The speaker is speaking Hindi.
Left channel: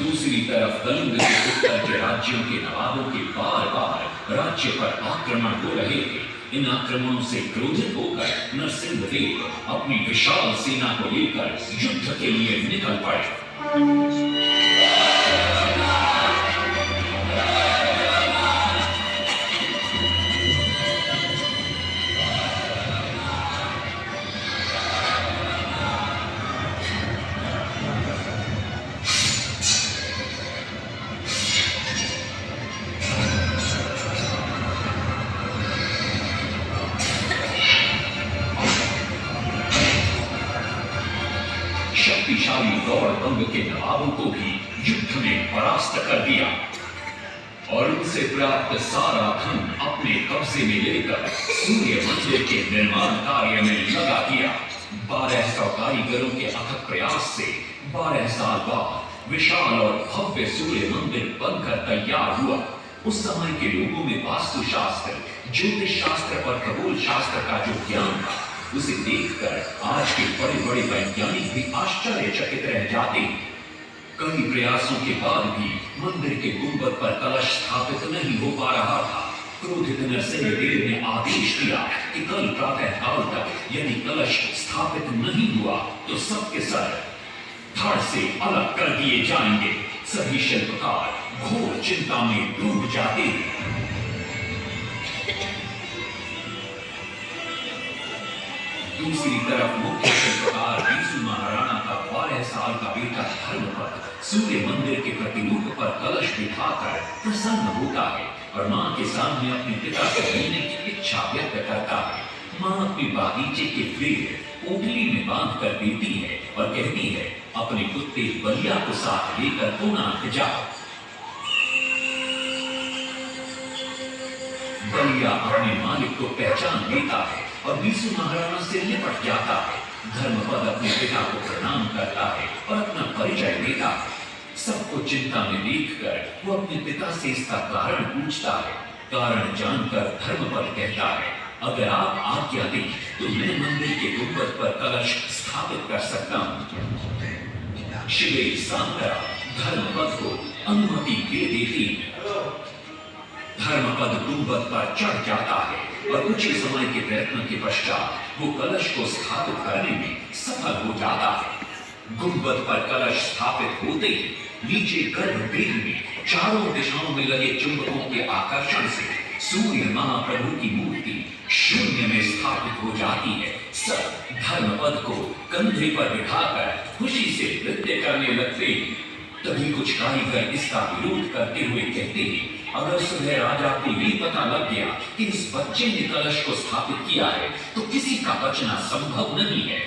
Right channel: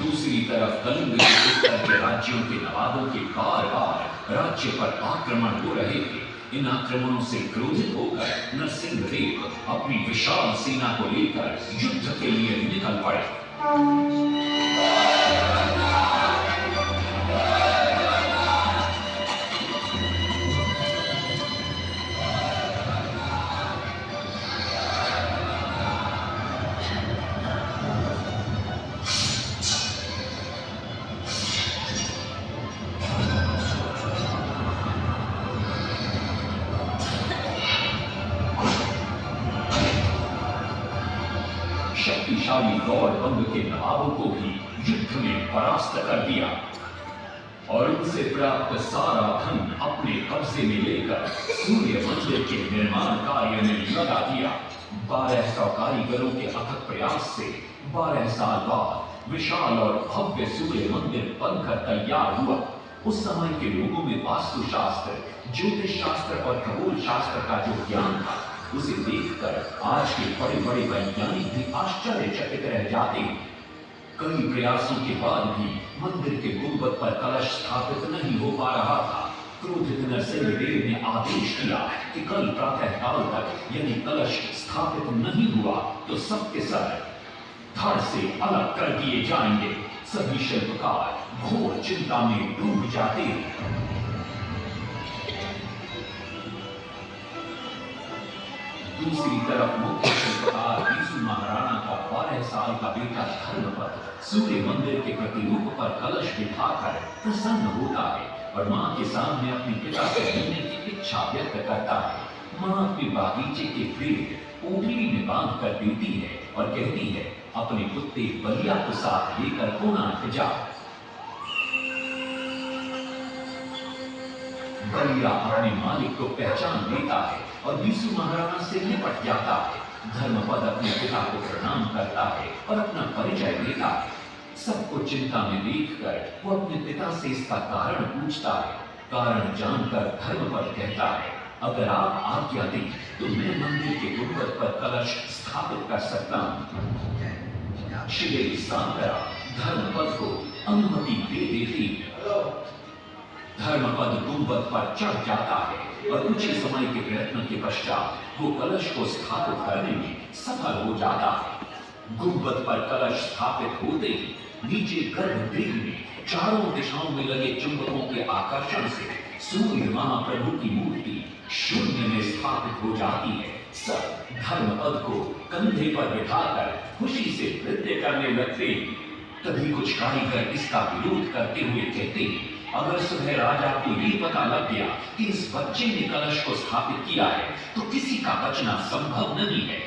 दूसरी तरफ कलिंग के उत्तर के राज्यों के नवाबों के बार बार राज्य पर आक्रमण हो रहे थे। इन आक्रमणों से क्रोधित होकर नरसिंहदेव अपनी विशाल सेना को लेकर युद्ध के लिए निकल पड़े। शक्तिशाली गौड़बंग के नवाबों को भी युद्ध में परास्त कर दिया और उनसे प्राप्त सारा धन अपने कब्जे में लेकर सूर्य मंदिर के निर्माण कार्य में लगा दिया। 1200 कारीगरों के अथक प्रयास से 12 साल बाद विशाल और भव्य सूर्य मंदिर बनकर तैयार हुआ। उस समय के लोगों में वास्तु शास्त्र, ज्योतिष शास्त्र और खगोल शास्त्र का जो ज्ञान था, उसे देखकर आज के बड़े बड़े वैज्ञानिक भी आश्चर्यचकित रह जाते। कई प्रयासों के बाद भी मंदिर के गुंबद पर कलश स्थापित नहीं हो पा रहा था। क्रोधित नरसिंहदेव ने आदेश दिया कि कल प्रातः काल तक यदि कलश स्थापित नहीं हुआ तो सबके सर धड़ से अलग कर दिए जाएंगे। सभी शिल्पकार घोर चिंता में डूब जाते। दूसरी तरफ मुख्य शिल्पकार बीसू महाराणा का 12 साल का बेटा धर्मपद सूर्य मंदिर के प्रतिरूप पर कलश बिठाकर प्रसन्न होता है और मां के सामने अपने पिता से मिलने की इच्छा व्यक्त करता है। मां अपने बागीचे के पेड़ पोटली में बांध कर देती है और कहती है, अपने कुत्ते बलिया को साथ लेकर कोणार्क जाओ। बलिया अपने मालिक को पहचान लेता है और बीसू महाराणा से निपट जाता है। धर्मपद अपने पिता को प्रणाम करता है और अपना परिचय देता है। सबको चिंता में देखकर वो अपने पिता से इसका कारण पूछता है। कारण जानकर धर्मपद कहता है, अगर आप आज्ञा दें तो मैं मंदिर के गुंबद पर कलश स्थापित कर सकता हूं। शिवेर सांतरा धर्मपद को अनुमति दे देती। धर्मपद गुंबद पर चढ़ जाता है और कुछ ही समय के प्रयत्न के पश्चात वो कलश को स्थापित करने में सफल हो जाता है। गुंबद पर कलश स्थापित होते ही नीचे गर्भगृह में चारों दिशाओं में लगे चुंबकों के आकर्षण से सूर्य महाप्रभु की मूर्ति शून्य में स्थापित हो जाती है। सब धर्मपद को कंधे पर बिठाकर खुशी से नृत्य करने लगते। तभी कुछ कारीगर इसका विरोध करते हुए कहते हैं, अगर सुबह राजा को ये पता लग गया कि इस बच्चे ने कलश को स्थापित किया है तो किसी का बचना संभव नहीं है।